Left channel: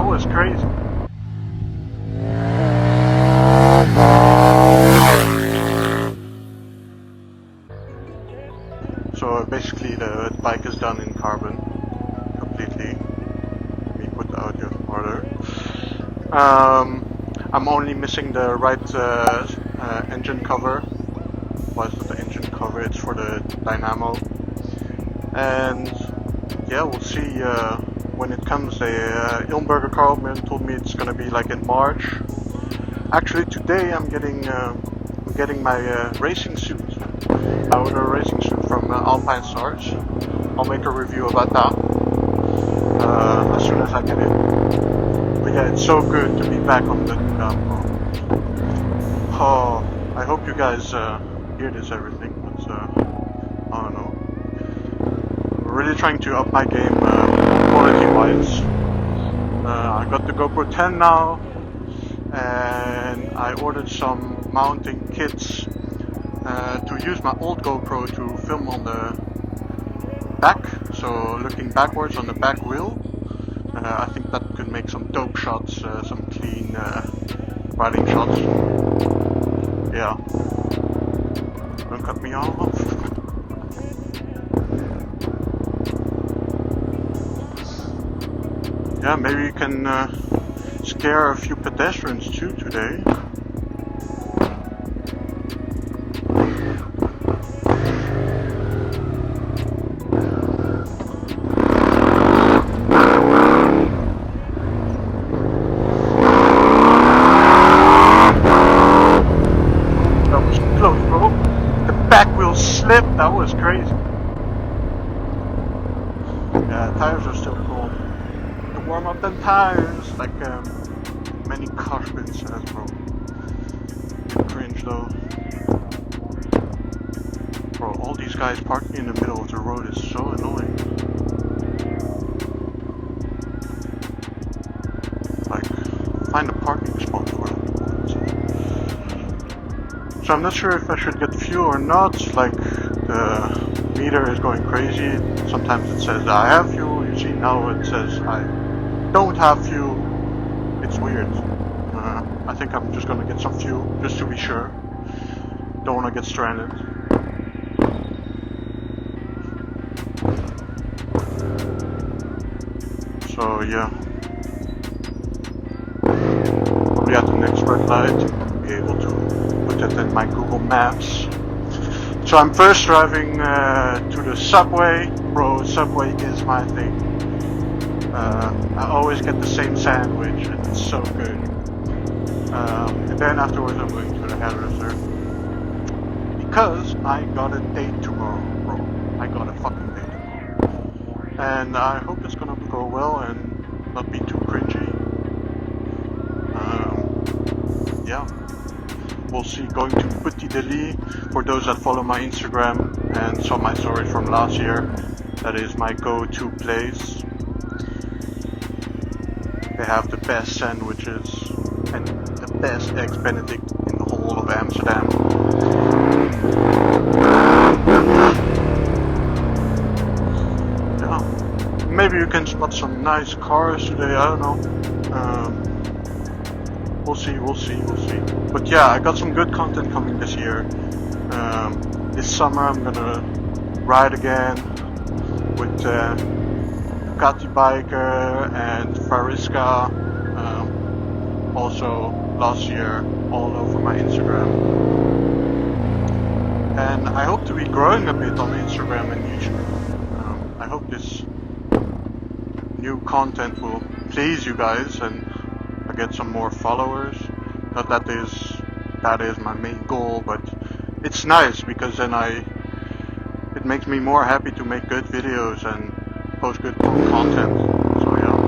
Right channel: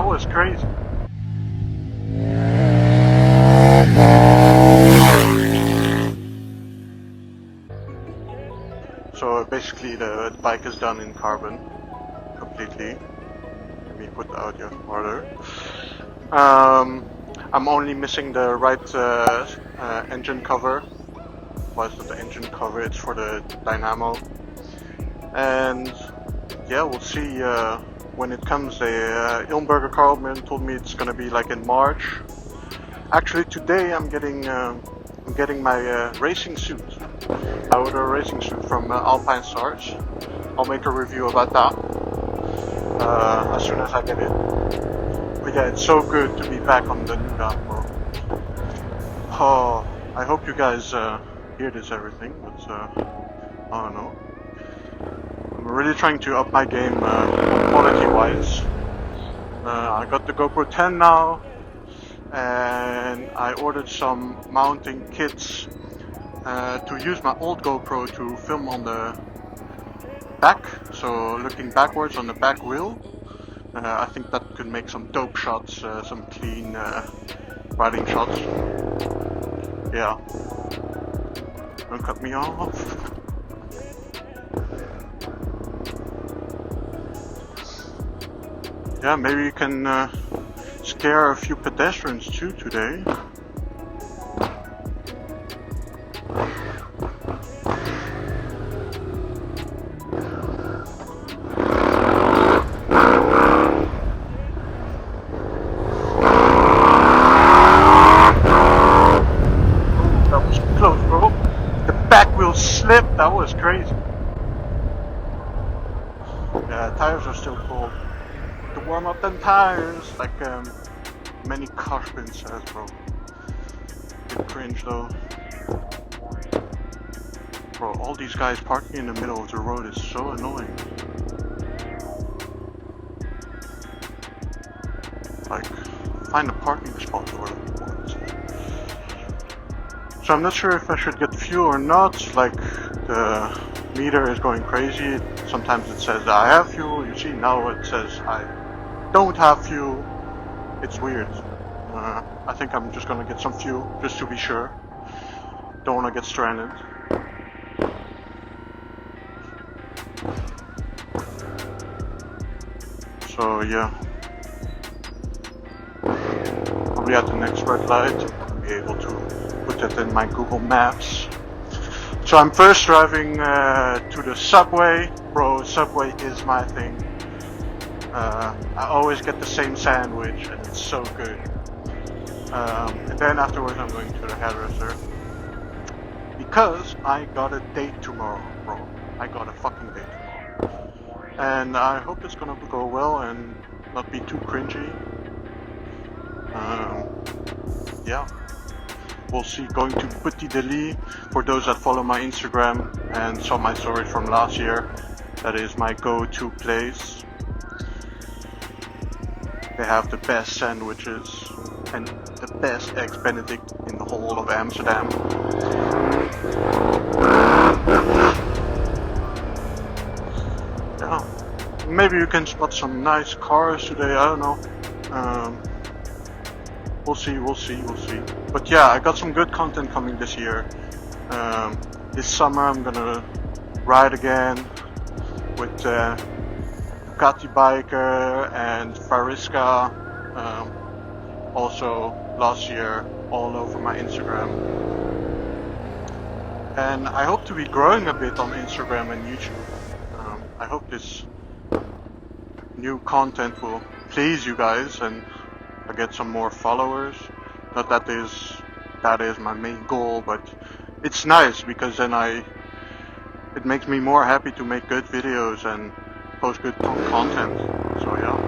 That was crazy. So basically the bike is done in carbon completely. Let me put the audio in order. I'm only missing the right engine cover. Well, it's not the engine cover, it's for the dynamo. And yeah, we'll see when it comes. Ilmberger Carlman told me it's gonna be like in March. Actually, today I'm getting my racing suit. I ordered a racing suit from Alpinestars. I'll make a review about that as soon as I get it. But yeah, it's so good to be back on the Nuda, bro. Oh, I hope you guys hear this everything, but I don't know. I'm really trying to up my game quality wise. I got the GoPro 10 now, and I ordered some mounting kits to use my old GoPro to film on the back, so looking backwards on the back wheel. I think that could make some dope shots, some clean riding shots. Yeah. Don't cut me off. Yeah, maybe you can scare a few pedestrians too today. That was close, bro. The back wheel slipped. That was crazy. Yeah, tires are still cold. To warm up them tires, like many Cushman says, bro. Cringe though. Bro, all these guys parking in the middle of the road is so annoying. Like, find a parking spot or what? So I'm not sure if I should get fuel or not. Like, the meter is going crazy. Sometimes it says I have fuel. You see now it says I don't have fuel. It's weird. I think I'm just gonna get some fuel just to be sure. Don't wanna get stranded. So yeah. Probably at the next red light, I'll be able to put that in my Google Maps. So I'm first driving to the subway. Bro, subway is my thing. I always get the same sandwich and it's so good. And then afterwards I'm going to the hairdresser. Because I got a date tomorrow, bro. I got a fucking date tomorrow. And I hope it's gonna go well and not be too cringy. Yeah. We'll see. Going to Petit Deli. For those that follow my Instagram and saw my stories from last year, that is my go-to place. They have the best sandwiches and the best eggs Benedict in the whole of Amsterdam. Yeah. Maybe you can spot some nice cars today, I don't know. We'll see. But yeah, I got some good content coming this year. This summer I'm gonna ride again with Ducati Biker and Fariska. Also last year all over my Instagram. And I hope to be growing a bit on Instagram and YouTube. I hope this new content will please you guys and I get some more followers. Not that is my main goal, but it's nice because then it makes me more happy to make good videos and post good content. So yeah.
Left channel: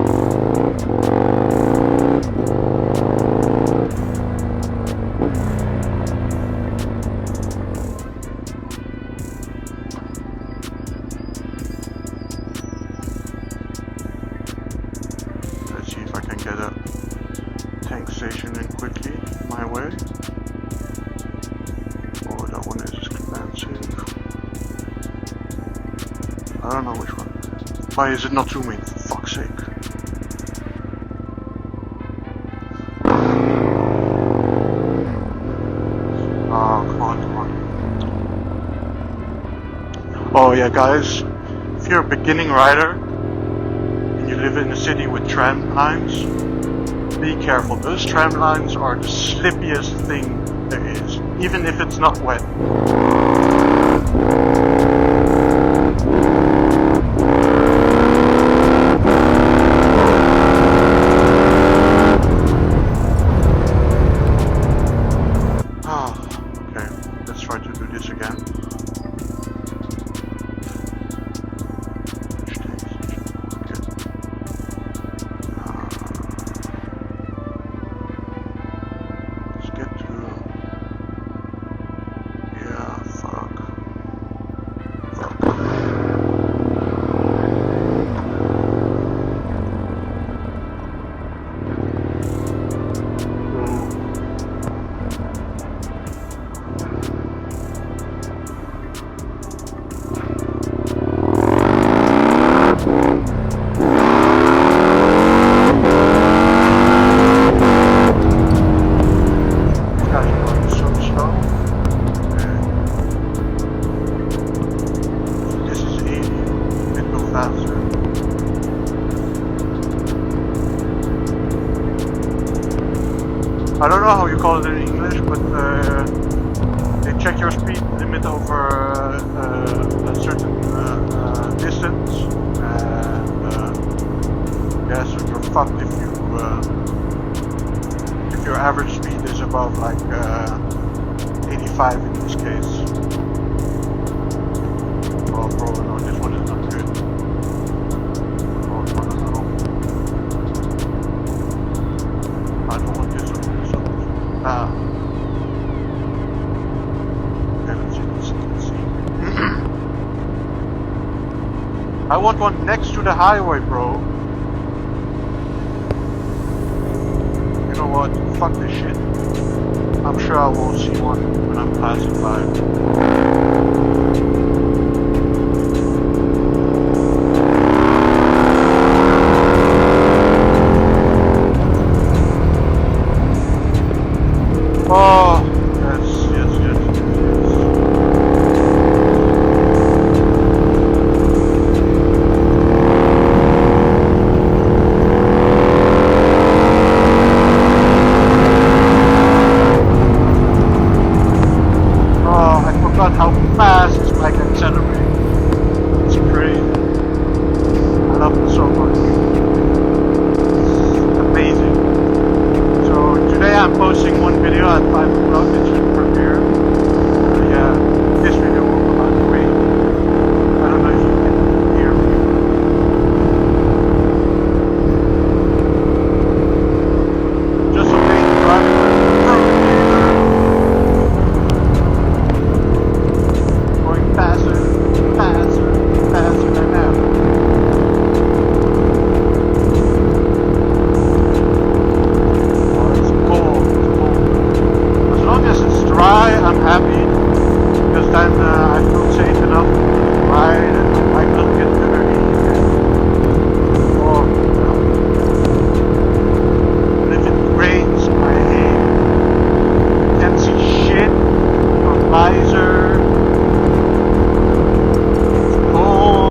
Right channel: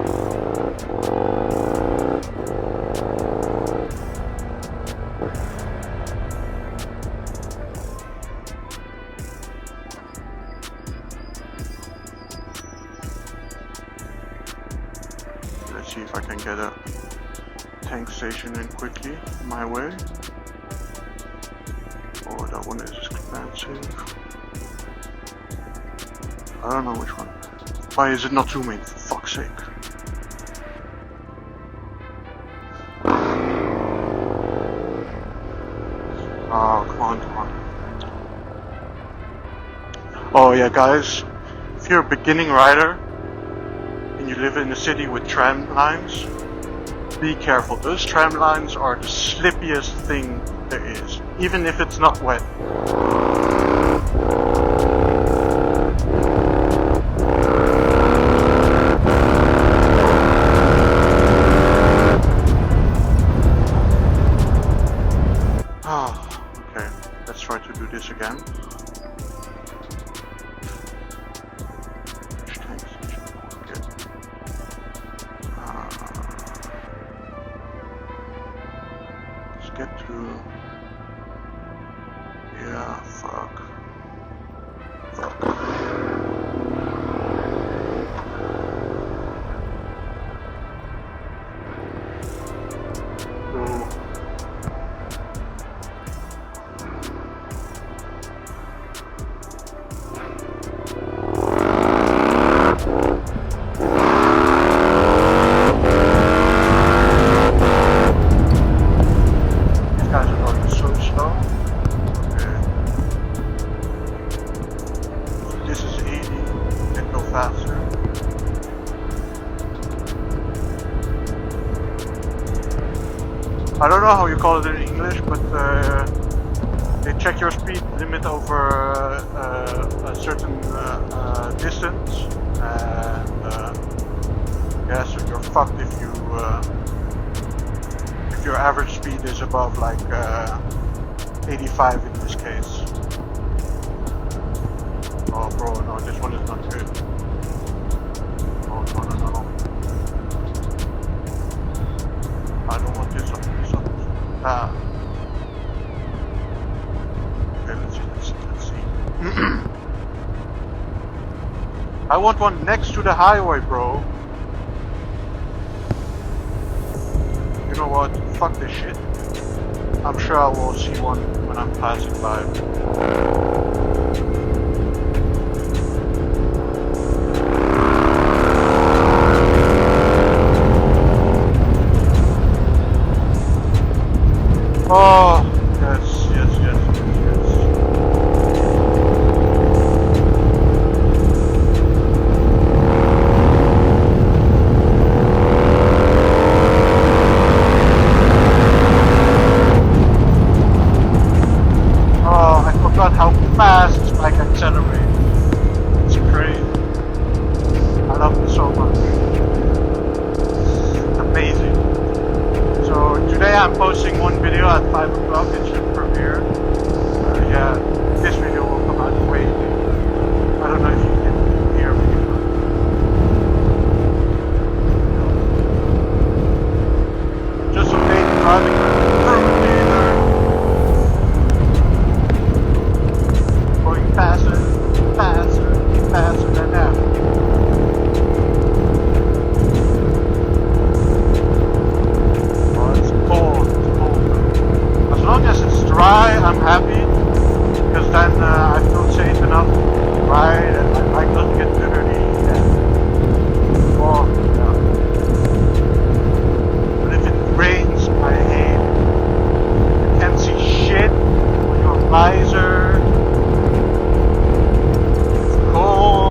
Let's see if I can get a tank station in quickly my way. Oh, that one is expensive. I don't know which one. Why is it not zooming? For fuck's sake. Oh yeah, guys, if you're a beginning rider and you live in a city with tram lines, be careful. Those tram lines are the slippiest thing there is, even if it's not wet. Okay, let's try to do this again. Which takes good. Let's get to... Yeah, fuck. Guys are going so slow. Okay. So this is 80. Can go faster. I don't know how you call it in English, but they check your speed limit over a certain distance, and yeah, so you're fucked if you. If your average speed is above like 85 in this case. Oh bro, no, this one is not good. Oh no. I don't want this up is bad. Okay, let's see. I want one next to the highway, bro. You know what? Fuck this shit. I'm sure I will see one when I'm passing by. Oh, yes. Oh, I forgot how fast this bike accelerates. It's crazy. I love it so much. It's amazing. So today I'm posting one video at 5 o'clock. It should premiere. Yeah, this video will come out way. I don't know if you can hear me, but just some late driving with fruit either. Going faster than ever. Oh, it's cold though. As long as it's dry, I'm happy, because then I feel safe enough to ride and my bike doesn't get dirty. Yeah. Oh, yeah. But if it rains, I hate it. You can't see shit on your visor. Cool.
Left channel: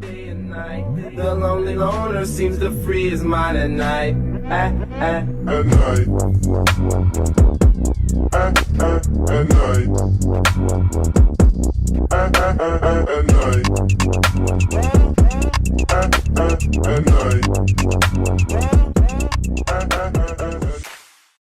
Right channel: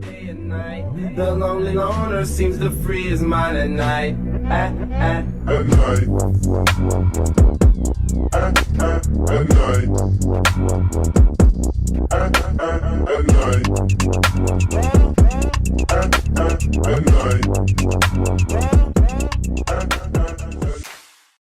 Day and night, the lonely loner seems to free his mind at night. At night.